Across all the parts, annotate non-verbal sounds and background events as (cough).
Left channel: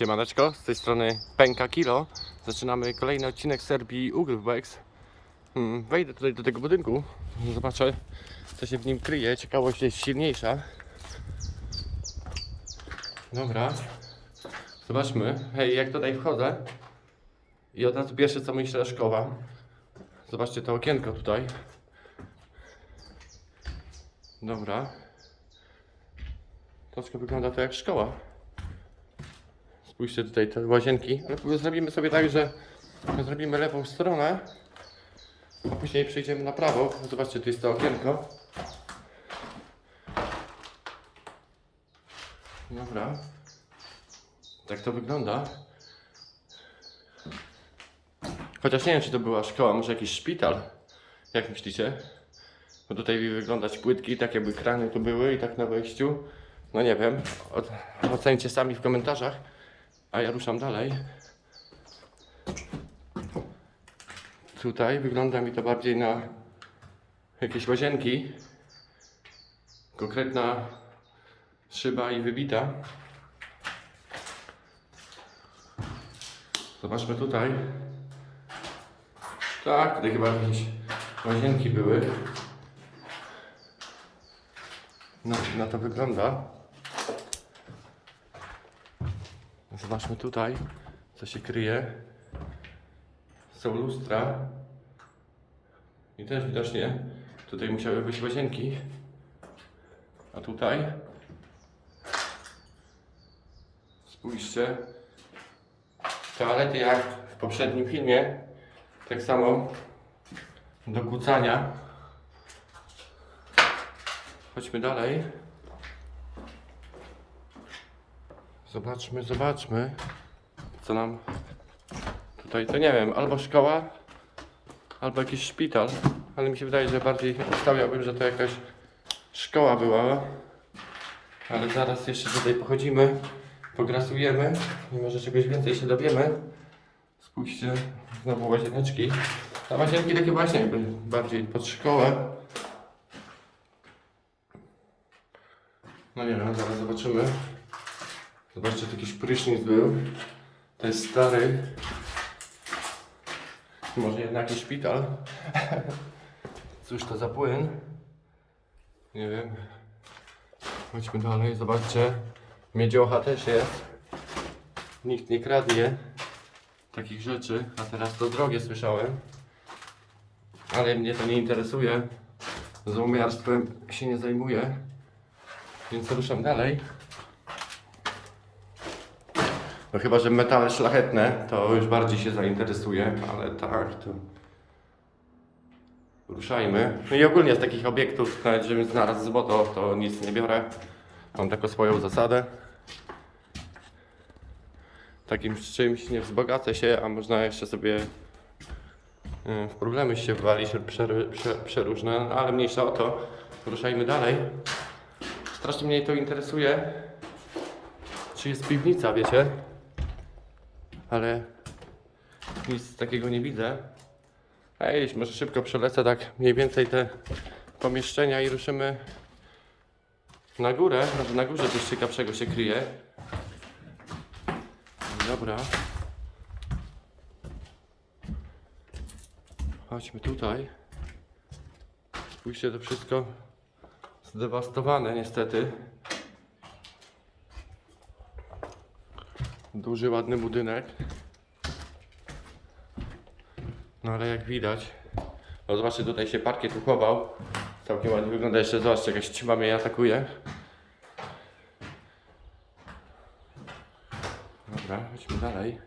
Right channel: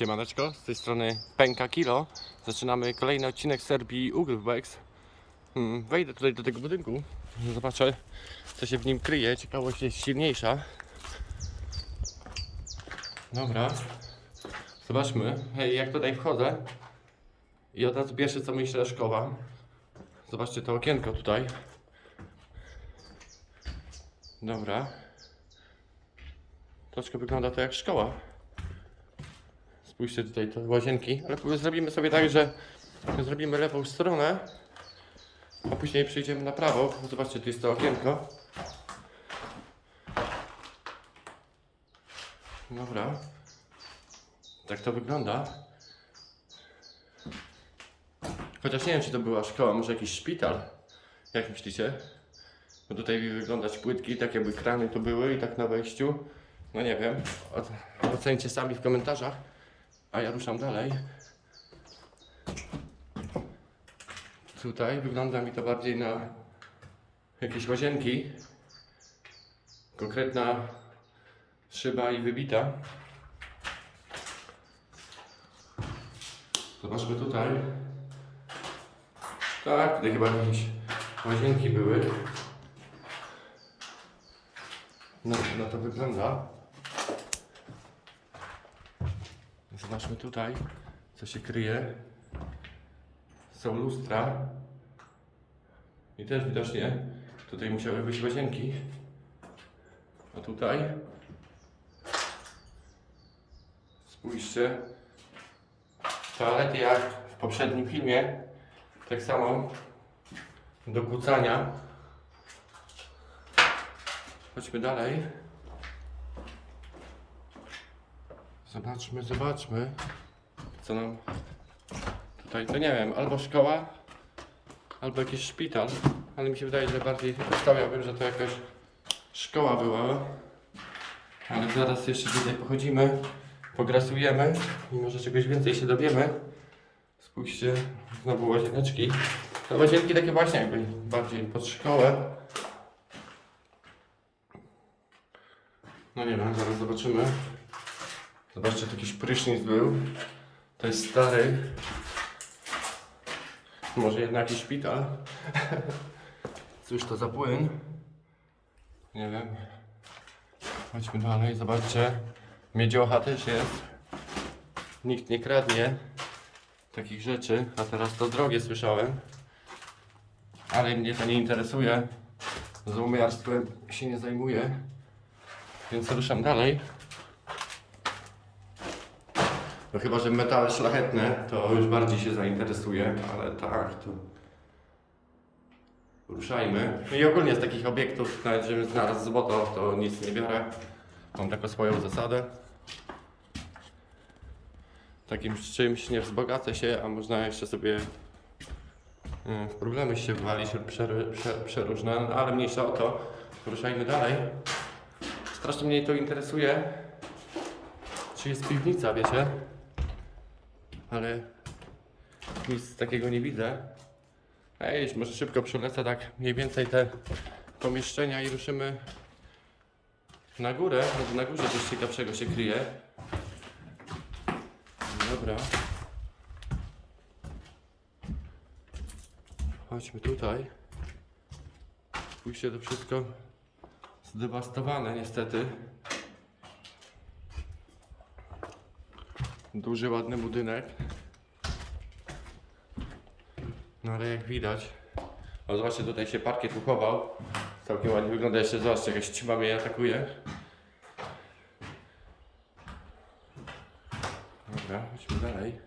Siemaneczko, z tej strony Pęka Kilo. Zaczynamy kolejny odcinek serii Ugrywbex. Hmm, wejdę tutaj do tego budynku, zobaczę co się w nim kryje. Ciekawość jest silniejsza. Dobra, zobaczmy. Hej, jak tutaj wchodzę i od razu pierwsze co myślę szkoła. Zobaczcie to okienko tutaj. Dobra. Troszkę wygląda to jak szkoła. Spójrzcie tutaj te łazienki, ale zrobimy sobie tak, że zrobimy lewą stronę, a później przejdziemy na prawo. Zobaczcie, tu jest to okienko. Dobra. Tak to wygląda. Chociaż nie wiem, czy to była szkoła, może jakiś szpital. Jak myślicie? Bo tutaj wyglądać płytki, tak jakby krany tu były i tak na wejściu. No nie wiem. O- Ocencie sami w komentarzach. A ja ruszam dalej. Tutaj wygląda mi to bardziej na jakieś łazienki. Konkretna szyba i wybita. Zobaczmy tutaj. Tak, tutaj chyba jakieś łazienki były. No, na to wygląda. Zobaczmy tutaj, co się kryje. Są lustra. I też widocznie tutaj musiały być łazienki. A tutaj spójrzcie. Toalety jak w poprzednim filmie. Tak samo do kucania. Chodźmy dalej. Zobaczmy, zobaczmy, co nam tutaj, to nie wiem, albo szkoła, albo jakiś szpital, ale mi się wydaje, że bardziej obstawiałbym, że to jakaś szkoła była, ale zaraz jeszcze tutaj pochodzimy, pograsujemy i może czegoś więcej się dowiemy. Spójrzcie, znowu łazieneczki. Te łazienki takie właśnie jakby bardziej pod szkołę. No nie wiem, zaraz zobaczymy. Zobaczcie, tu jakiś prysznic był. To jest stary. Może jednak jakiś szpital. (laughs) Cóż to za płyn? Nie wiem. Chodźmy dalej, zobaczcie. Miedziocha też jest. Nikt nie kradnie takich rzeczy, a teraz to drogie słyszałem. Ale mnie to nie interesuje. Złomiarstwem się nie zajmuję. Więc ruszam dalej. No chyba, że metale szlachetne, to już bardziej się zainteresuje, ale tak, to ruszajmy. No i ogólnie z takich obiektów, nawet żebym znalazł złoto, to nic nie biorę. Mam taką swoją zasadę. Takim czymś nie wzbogacę się, a można jeszcze sobie y, w problemy się walić przeróżne, no, ale mniejsza o to. Ruszajmy dalej. Strasznie mnie to interesuje, czy jest piwnica, wiecie? Ale nic takiego nie widzę. Ej, może szybko przelecę tak mniej więcej te pomieszczenia i ruszymy na górę. No, na górze coś ciekawszego się kryje. Dobra. Chodźmy tutaj. Spójrzcie, to wszystko zdewastowane niestety. Duży, ładny budynek. No ale jak widać, o zobaczcie tutaj się parkiet uchował. Całkiem ładnie wygląda jeszcze, zobaczcie jakaś ćma mnie atakuje. Dobra, chodźmy dalej.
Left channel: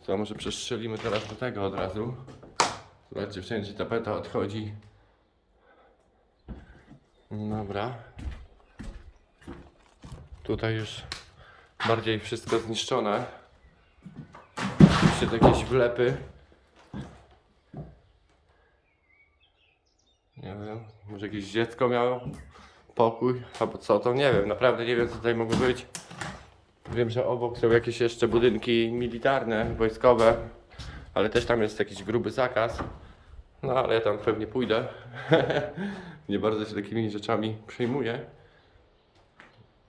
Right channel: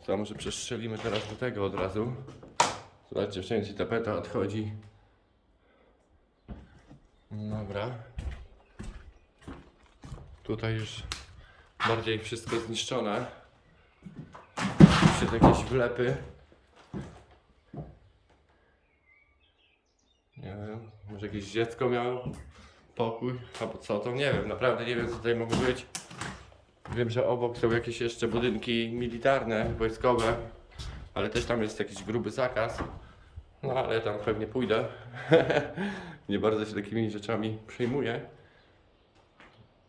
Co, może przestrzelimy teraz do tego od razu. Zobaczcie, wszędzie tapeta odchodzi. Dobra. Tutaj już bardziej wszystko zniszczone. Oczywiście to jakieś wlepy. Nie wiem, może jakieś dziecko miało pokój, albo co to, nie wiem, naprawdę nie wiem co tutaj mogło być. Wiem, że obok są jakieś jeszcze budynki militarne, wojskowe, ale też tam jest jakiś gruby zakaz. No ale ja tam pewnie pójdę. (laughs) nie bardzo się takimi rzeczami przejmuję.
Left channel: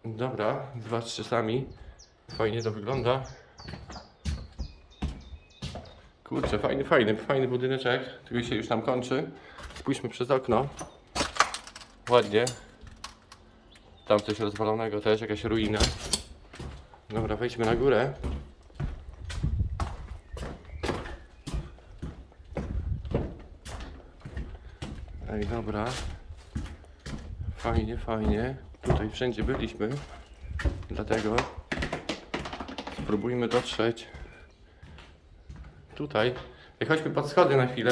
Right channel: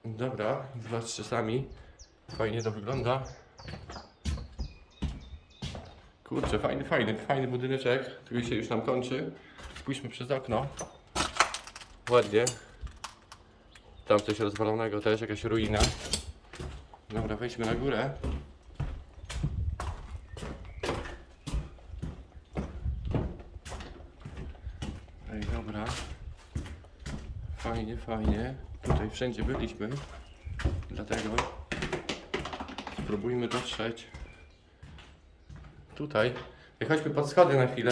Dobra, dwa z czasami. Fajnie to wygląda. Kurczę, fajny, fajny, fajny budyneczek. Tylko się już nam kończy. Spójrzmy przez okno. Ładnie. Tam coś rozwalonego też, jakaś ruina. Dobra, wejdźmy na górę. Ej, dobra. Fajnie, fajnie. Tutaj wszędzie byliśmy. Dlatego spróbujmy dotrzeć tutaj. Ej, chodźmy pod schody na chwilę.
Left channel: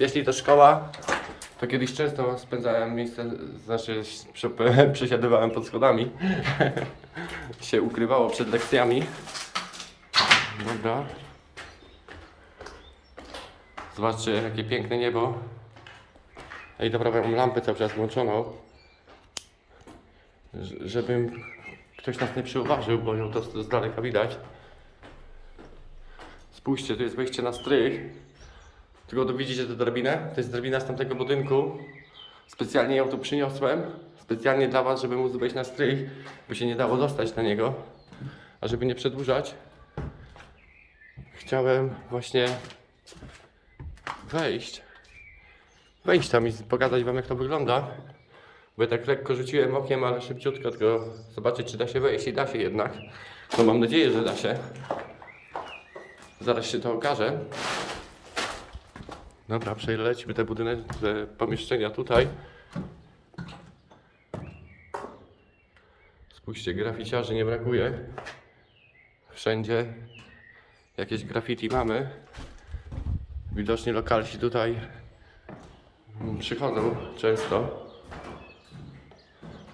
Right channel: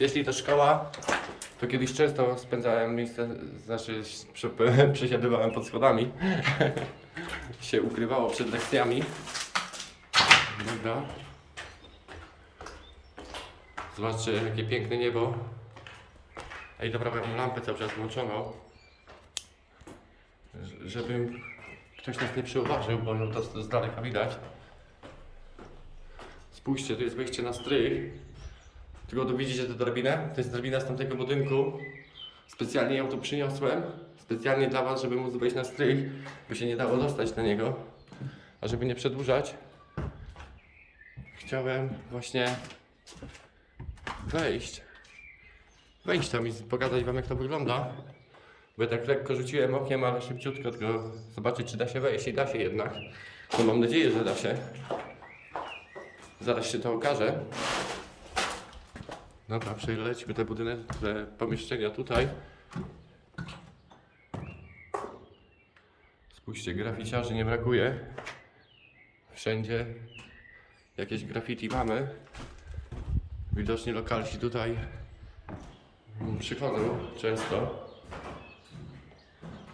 Jeśli to szkoła, to kiedyś często spędzałem miejsce, znaczy przesiadywałem (laughs) pod schodami. (laughs) się ukrywało przed lekcjami. Dobra. Zobaczcie, jakie piękne niebo. Ej, dobra, mam lampę cały czas włączoną. Żeby ktoś nas nie przyuważył, bo ją to z daleka widać. Spójrzcie, tu jest wejście na strych. Tylko tu widzicie tę drabinę? To jest drabina z tamtego budynku. Specjalnie ją tu przyniosłem. Specjalnie dla Was, żeby móc wejść na strych, bo się nie dało dostać na niego. A żeby nie przedłużać, chciałem właśnie wejść. Wejść tam i pokazać Wam, jak to wygląda. Bo ja tak lekko rzuciłem okiem, ale szybciutko, tylko zobaczyć, czy da się wejść. I da się jednak. No mam nadzieję, że da się. Zaraz się to okaże. Dobra, przelecimy te budynek, te pomieszczenia tutaj. Spójrzcie, graficiarzy nie brakuje. Wszędzie jakieś graffiti mamy. Widocznie lokalsi tutaj przychodzą często.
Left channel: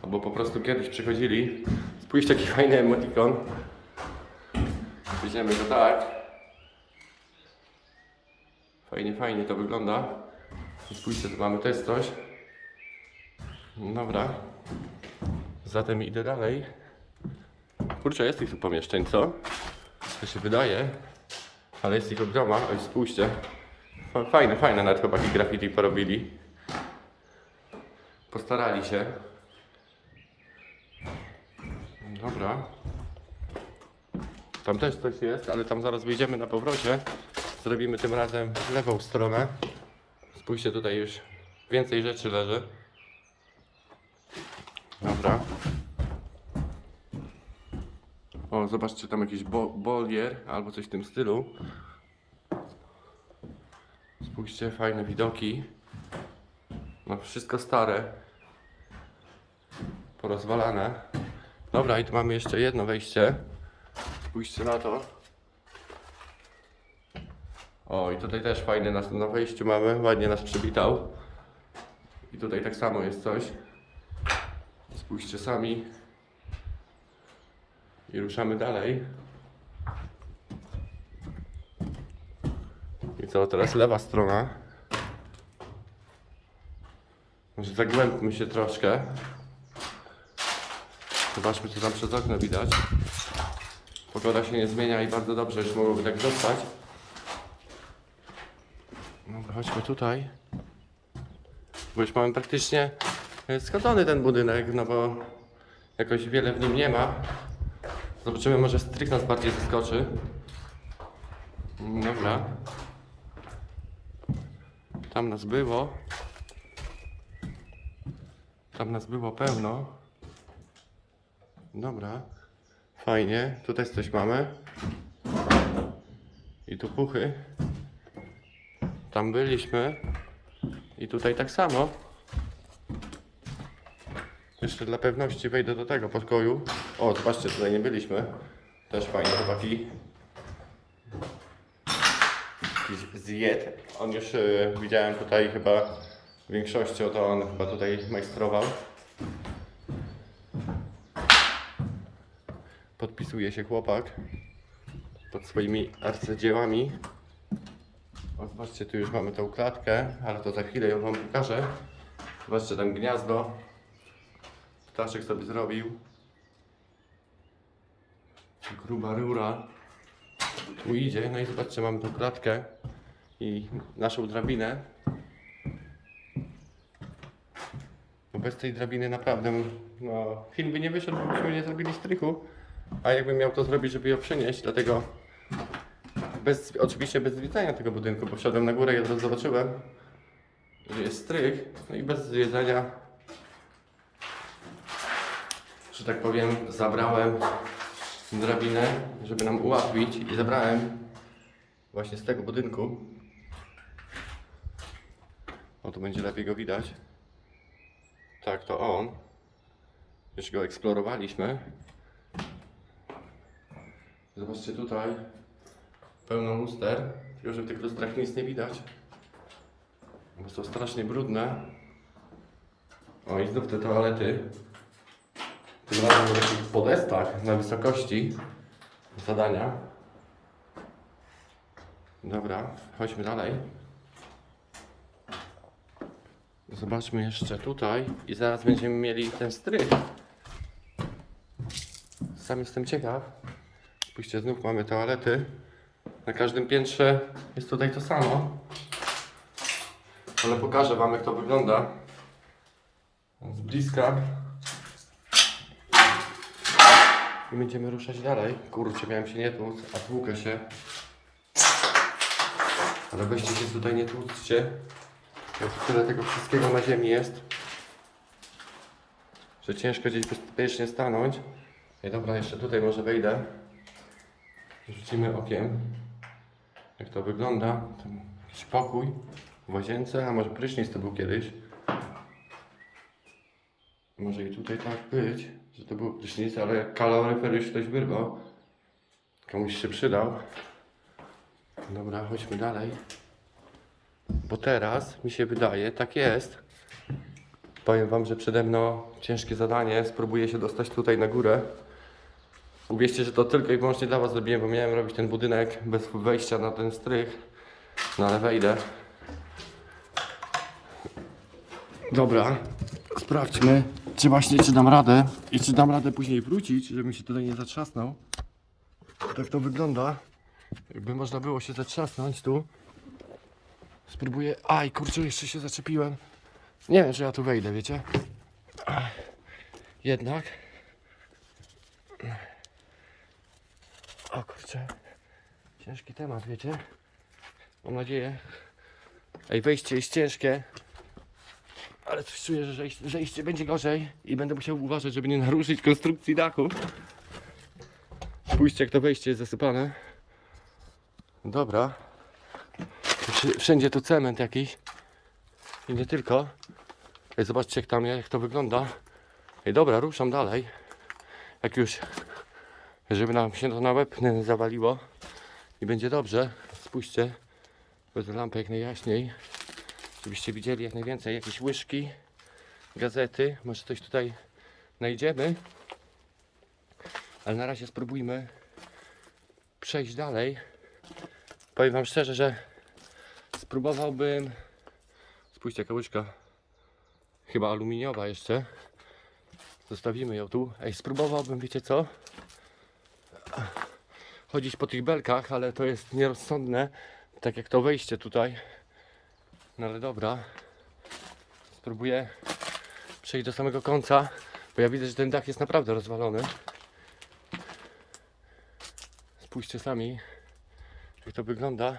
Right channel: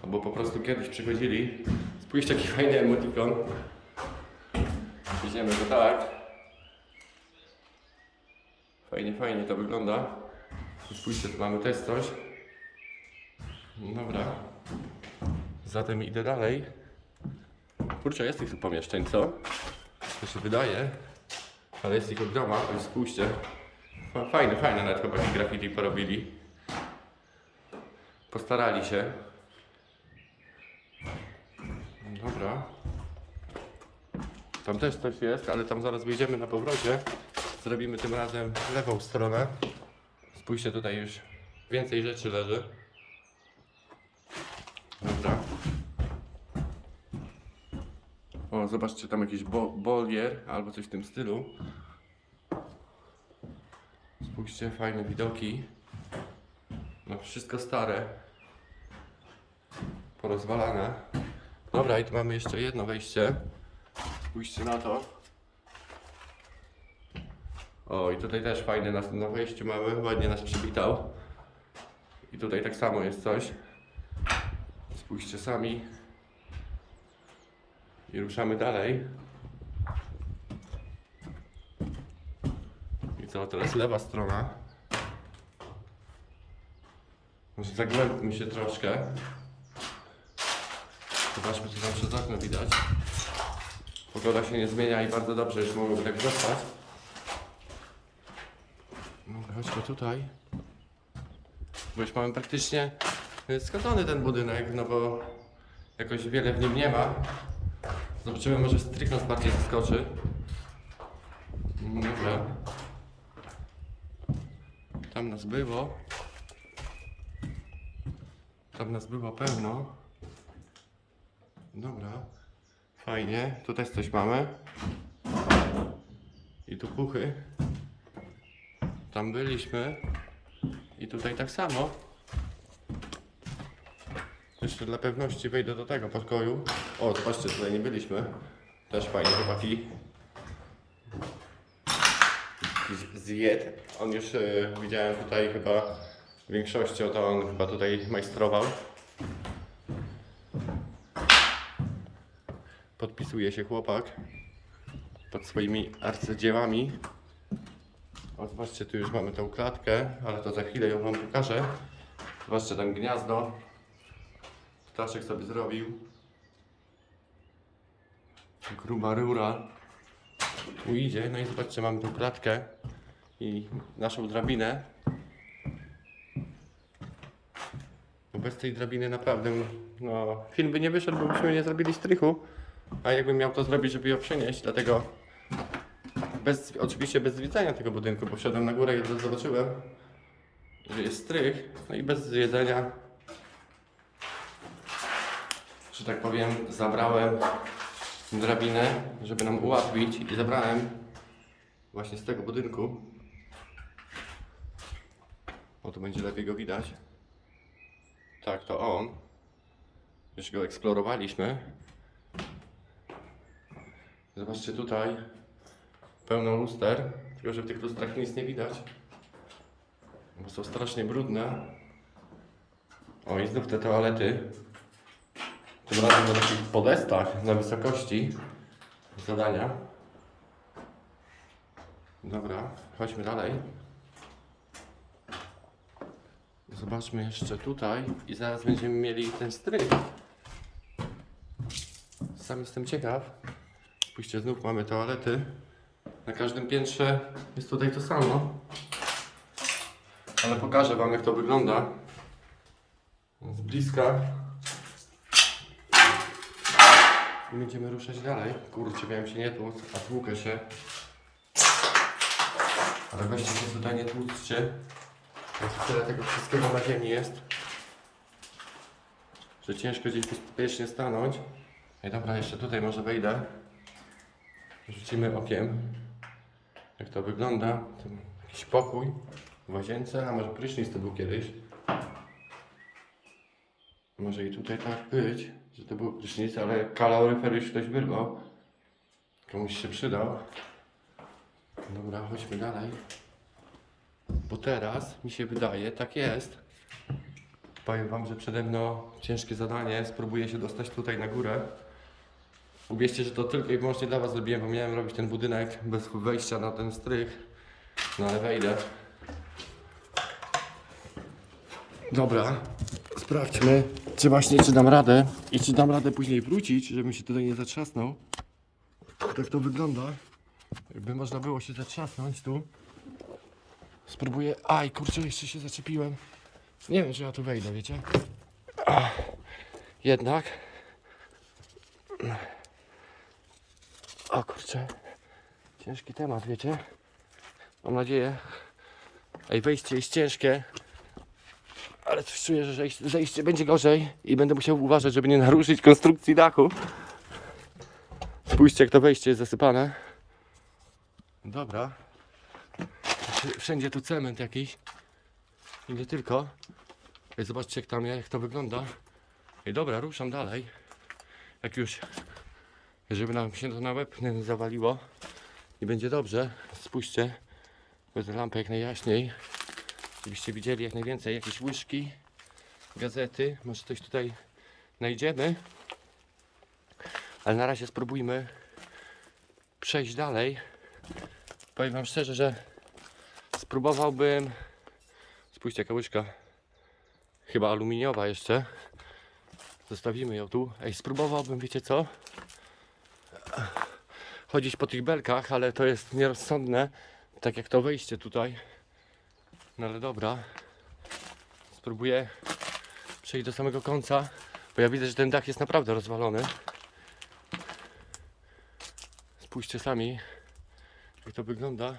Albo po prostu kiedyś przychodzili. Spójrzcie, jaki fajny emotikon. Weźmiemy go tak. Fajnie, fajnie to wygląda. Spójrzcie, tu mamy też coś. Dobra. Zatem idę dalej. Kurczę, jest tych tu pomieszczeń, co? To się wydaje. Ale jest ich od groma. Oj, spójrzcie. Fa- Fajne, fajne nawet chłopaki graffiti porobili. Postarali się. Dobra. Tam też coś jest, ale tam zaraz wyjdziemy na powrocie. Zrobimy tym razem lewą stronę. Spójrzcie, tutaj już więcej rzeczy leży. Dobra. O, zobaczcie, tam jakiś bo bolier albo coś w tym stylu. Spójrzcie, fajne widoki. No, wszystko stare. Porozwalane. Dobra, i tu mamy jeszcze jedno wejście. Spójrzcie na to. O, i tutaj też fajne nas na wejściu mamy, ładnie nas przywitał. I tutaj tak samo jest coś. Spójrzcie sami. I ruszamy dalej. Co, teraz lewa strona. Zagłębmy się troszkę. Zobaczmy, co tam przez okno widać. Pogoda się nie zmienia i bardzo dobrze, już mogłoby tak zostać. Dobra, chodźmy tutaj. Bo już mamy praktycznie e, skończony ten budynek, no bo jakoś wiele w nim nie ma. Zobaczymy, może strych nas bardziej zaskoczy. Dobra. Tam nas było. Tam nas było pełno. Dobra. Fajnie. Tu też coś mamy. I tu puchy. Tam byliśmy. I tutaj tak samo. Jeszcze dla pewności wejdę do tego pokoju. O, zobaczcie, tutaj nie byliśmy. Też fajnie, chłopaki. Zjed. On już y, widziałem tutaj chyba większością, to on chyba tutaj majstrował. Podpisuje się chłopak pod swoimi arcydziełami. O, zobaczcie, tu już mamy tą klatkę, ale to za chwilę ją wam pokażę. Zobaczcie tam gniazdo. Ptaszek sobie zrobił. Gruba rura. Tu idzie, no i zobaczcie, mamy tą klatkę i naszą drabinę. No bez tej drabiny naprawdę, no, film by nie wyszedł, bo byśmy nie zrobili strychu. A jakbym miał to zrobić, żeby ją przenieść, dlatego bez, oczywiście bez zwiedzania tego budynku, bo wszedłem na górę i od razu zobaczyłem, że jest strych, no i bez zwiedzania, że tak powiem, zabrałem drabinę, żeby nam ułatwić i zabrałem właśnie z tego budynku. O, tu będzie lepiej go widać. Tak, to on. Już go eksplorowaliśmy. Zobaczcie tutaj pełno luster, tylko że w tych lustrach nic nie widać, bo są strasznie brudne. O i znów te toalety. Tym razem na takich podestach na wysokości zadania. Dobra, chodźmy dalej. Zobaczmy jeszcze tutaj i zaraz będziemy mieli ten strych. Sam jestem ciekaw. Spójrzcie, znów mamy toalety. Na każdym piętrze jest tutaj to samo. Ale pokażę Wam jak to wygląda. Z bliska. I będziemy ruszać dalej. Kurczę, miałem się nie tłuc, a tłukę się. Ale weźcie się tutaj nie tłuczcie. Jest tyle tego wszystkiego na ziemi jest. Że ciężko gdzieś bezpiecznie stanąć. Ej, dobra, jeszcze tutaj może wejdę. Rzucimy okiem, jak to wygląda. Ten jakiś pokój w łazience, a może prysznic to był kiedyś. Może i tutaj tak być, że to był prysznic, ale kaloryfer już ktoś wyrwał. Komuś się przydał. Dobra, chodźmy dalej. Bo teraz mi się wydaje, tak jest. Powiem Wam, że przede mną ciężkie zadanie. Spróbuję się dostać tutaj na górę. Uwierzcie, że to tylko i wyłącznie dla Was zrobiłem, bo miałem robić ten budynek bez wejścia na ten strych. No ale wejdę. Dobra, sprawdźmy, czy właśnie czy dam radę i czy dam radę później wrócić, żebym się tutaj nie zatrzasnął. Tak to wygląda. Jakby można było się zatrzasnąć tu. Spróbuję. Aj, kurczę, jeszcze się zaczepiłem. Nie wiem, czy ja tu wejdę, wiecie? Jednak. O kurczę. Ciężki temat, wiecie? Mam nadzieję. Ej, wejście jest ciężkie. Ale coś czuję, że zejście, zejście będzie gorzej i będę musiał uważać, żeby nie naruszyć konstrukcji dachu. Spójrzcie, jak to wejście jest zasypane. Dobra. Wszędzie tu cement jakiś. I nie tylko. Zobaczcie, jak tam jak to wygląda. Ej, dobra, ruszam dalej. Jak już żeby nam się to na łeb nie zawaliło i będzie dobrze. Spójrzcie, wezmę lampę jak najjaśniej, żebyście widzieli jak najwięcej jakieś łyżki, gazety, może coś tutaj znajdziemy. Ale na razie spróbujmy przejść dalej. Powiem Wam szczerze, że spróbowałbym. Spójrzcie, jaka łyżka. Chyba aluminiowa jeszcze. Zostawimy ją tu. Ej, spróbowałbym, wiecie co? chodzić po tych belkach, ale to jest nierozsądne, tak jak to wejście tutaj. No ale dobra, spróbuję przejść do samego końca, bo ja widzę, że ten dach jest naprawdę rozwalony. Spójrzcie sami, jak to wygląda.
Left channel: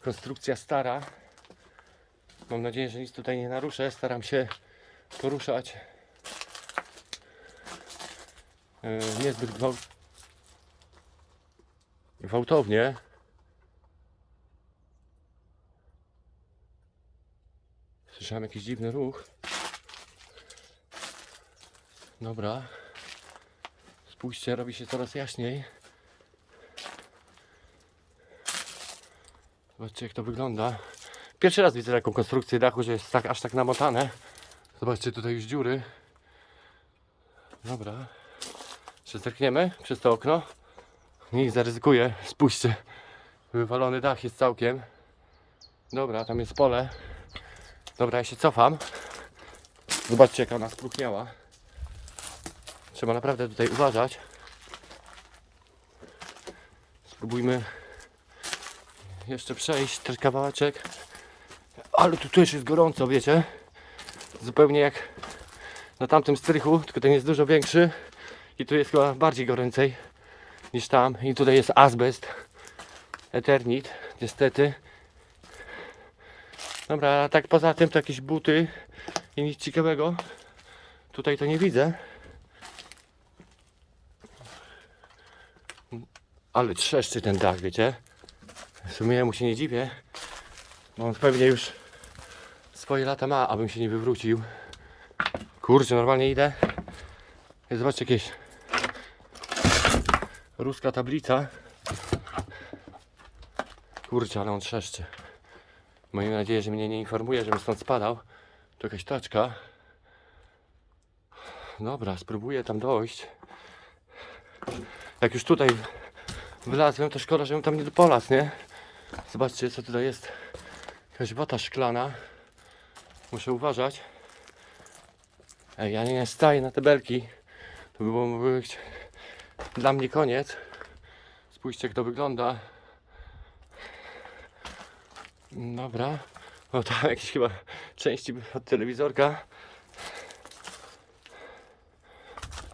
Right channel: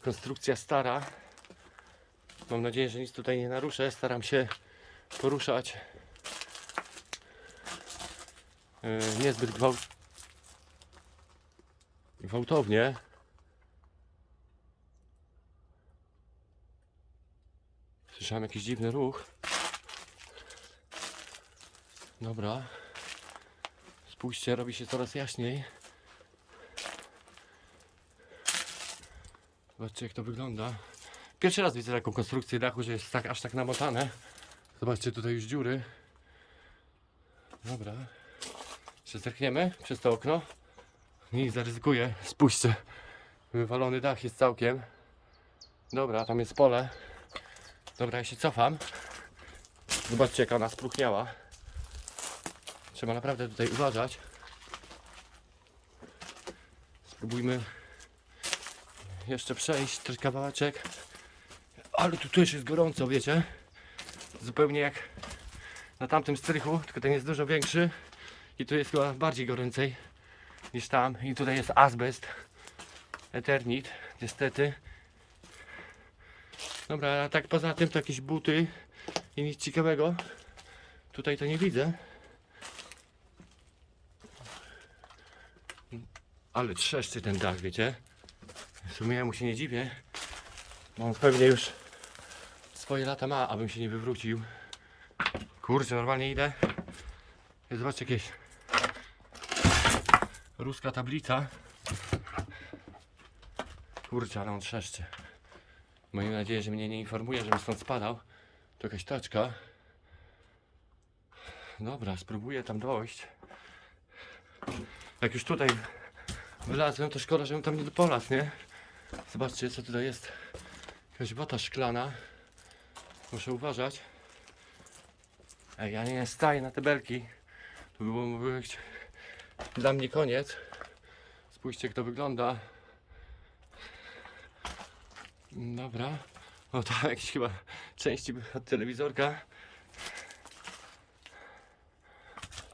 Konstrukcja stara. Mam nadzieję, że nic tutaj nie naruszę. Staram się poruszać e, niezbyt gwałt... gwałtownie. Słyszałem jakiś dziwny ruch. Dobra. Spójrzcie, robi się coraz jaśniej. Zobaczcie jak to wygląda. Pierwszy raz widzę taką konstrukcję dachu, że jest tak, aż tak namotane. Zobaczcie tutaj już dziury. Dobra. Czy przez to okno? Nie zaryzykuję. Spójrzcie. Wywalony dach jest całkiem. Dobra, tam jest pole. Dobra, ja się cofam. Zobaczcie, jaka ona spróchniała. Trzeba naprawdę tutaj uważać. Spróbujmy jeszcze przejść ten kawałeczek. Ale tu też jest gorąco, wiecie? Zupełnie jak na tamtym strychu, tylko ten jest dużo większy i tu jest chyba bardziej goręcej niż tam. I tutaj jest azbest, eternit, niestety. Dobra, a tak poza tym to jakieś buty i nic ciekawego. Tutaj to nie widzę. Ale trzeszczy ten dach, wiecie? W sumie mu się nie dziwię. On pewnie już swoje lata ma, abym się nie wywrócił. Kurczę, normalnie idę. Zobaczcie jakieś ruska tablica. Kurczę, ale on trzeszczy. Mam nadzieję, że mnie nie informuje, żebym stąd spadał. To jakaś taczka. Dobra, spróbuję tam dojść. Jak już tutaj wylazłem, to szkoda, żebym tam nie polazł, nie? Zobaczcie, co tutaj jest. Jakaś wata szklana. Muszę uważać. Ej, ja nie staję na te belki. To by było dla mnie koniec. Spójrzcie, jak to wygląda. Dobra. O, tam jakieś chyba części od telewizorka.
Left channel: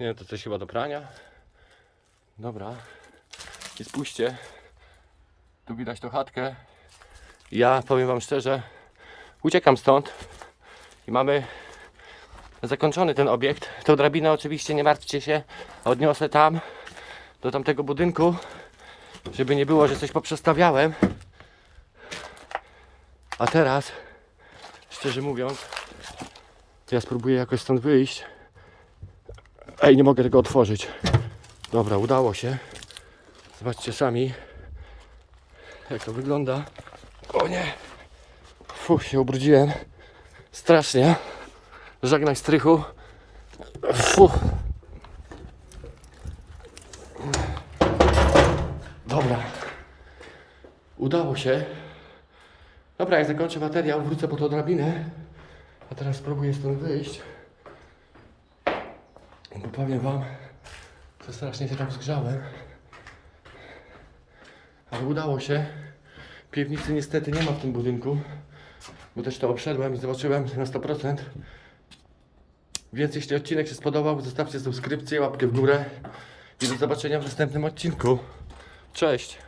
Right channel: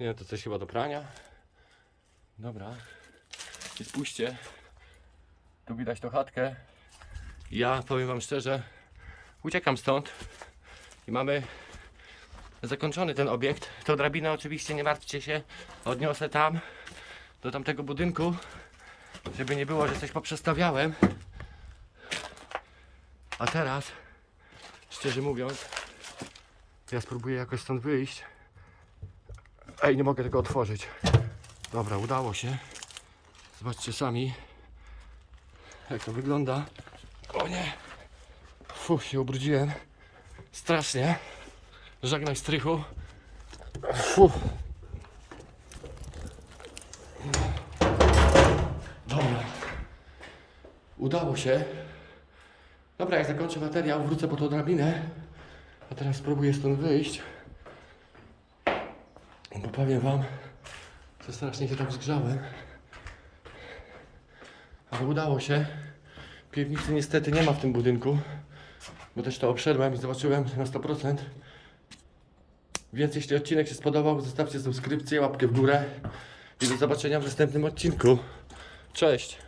Nie, to coś chyba do prania. Dobra. I spójrzcie. Tu widać tą chatkę. Ja powiem wam szczerze, uciekam stąd. I mamy zakończony ten obiekt. Tą drabinę oczywiście nie martwcie się. Odniosę tam do tamtego budynku, żeby nie było, że coś poprzestawiałem. A teraz, szczerze mówiąc, ja spróbuję jakoś stąd wyjść. Ej, nie mogę tego otworzyć. Dobra, udało się. Zobaczcie sami, jak to wygląda. O nie! Fuh, się ubrudziłem. Strasznie. Żegnaj strychu. Fuh. Dobra. Udało się. Dobra, jak zakończę materiał, wrócę po tą drabinę. A teraz spróbuję stąd wyjść. Bo powiem wam, że strasznie się tam zgrzałem. Ale udało się. Piwnicy niestety nie ma w tym budynku. Bo też to obszedłem i zobaczyłem na 100%. Więc jeśli odcinek się spodobał, zostawcie subskrypcję, łapkę w górę. I do zobaczenia w następnym odcinku. Cześć!